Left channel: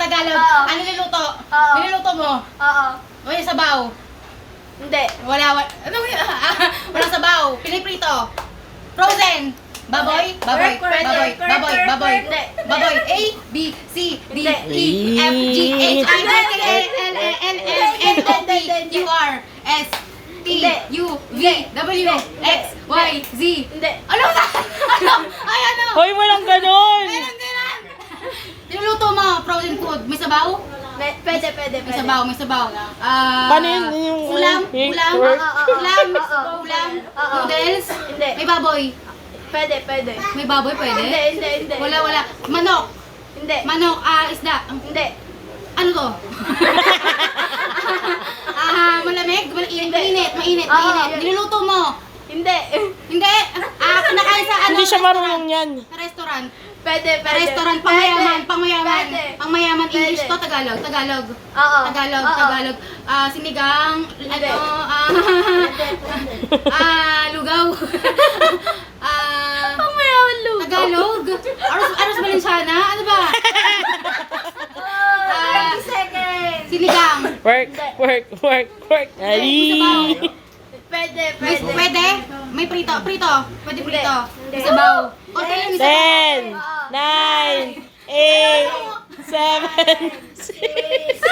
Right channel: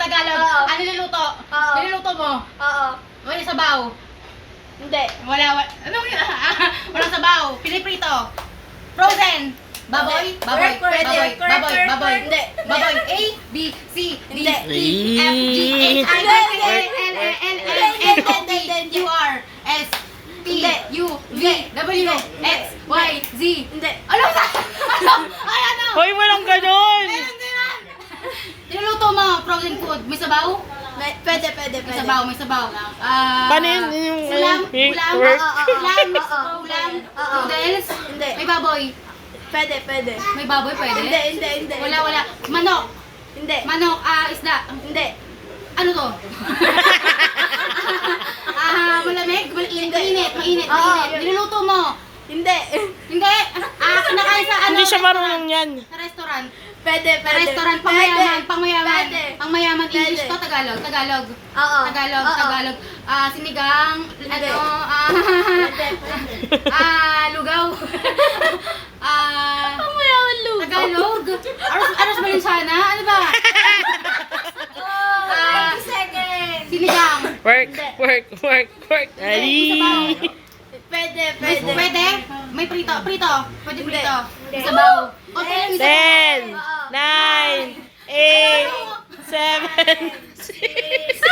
Tagalog. Oo. Ano niluluto? Oo. Niluluto mo? Oo. Uy, sabaw. Hindi. Wala. Ano yun? Walang sabaw. Piniprito. Frozen. Baboy. Baboy. Correct, Baboy. correct, Baboy. correct, Baboy. correct. Baboy. A, B, C, D, Hindi. E, F, G, H, I, J, K, L, M, N, N, O, P, Q, R, S, T, U, V, W, X, Y, Z. Hindi. Ano ba? Ano? Ay, ano? Hoy, walang ganon! Meron din yan. Niluluto mo, frozen food. May sabaw? Pwede. May sabaw, may sabaw. Paano yung ulam, yung ulam, work? ulam, Oo. ulam, Oo. noodles. Hindi. May baboy. Pwede. May baboy, pwede? Hindi. Wala. Manok. Hindi. Manok, isda. Hindi. Ano to? Malamig? Mainit. Oo. Niluluto mo. Hindi. Hindi. Kinakain sa ano? Hindi siya marunong yan. Sa restaurant. Pwede. Restaurant, pangmayaman. Pwede. Pangmayaman, English Pwede. to, Tagalog. Oo. Tagalog. Sinigang, Hindi. ano, lugaw. Pangmayaman lugaw. Tagalog. Aros Valenciana, ano ba? 20 seconds. Sinigang. Work. Ay! Pwede. Pwede? May prito. Pwede Hindi. prito. May Hindi. sabaw. Konti lang yung sabaw. 10, 9, 8, 7, 6. Six.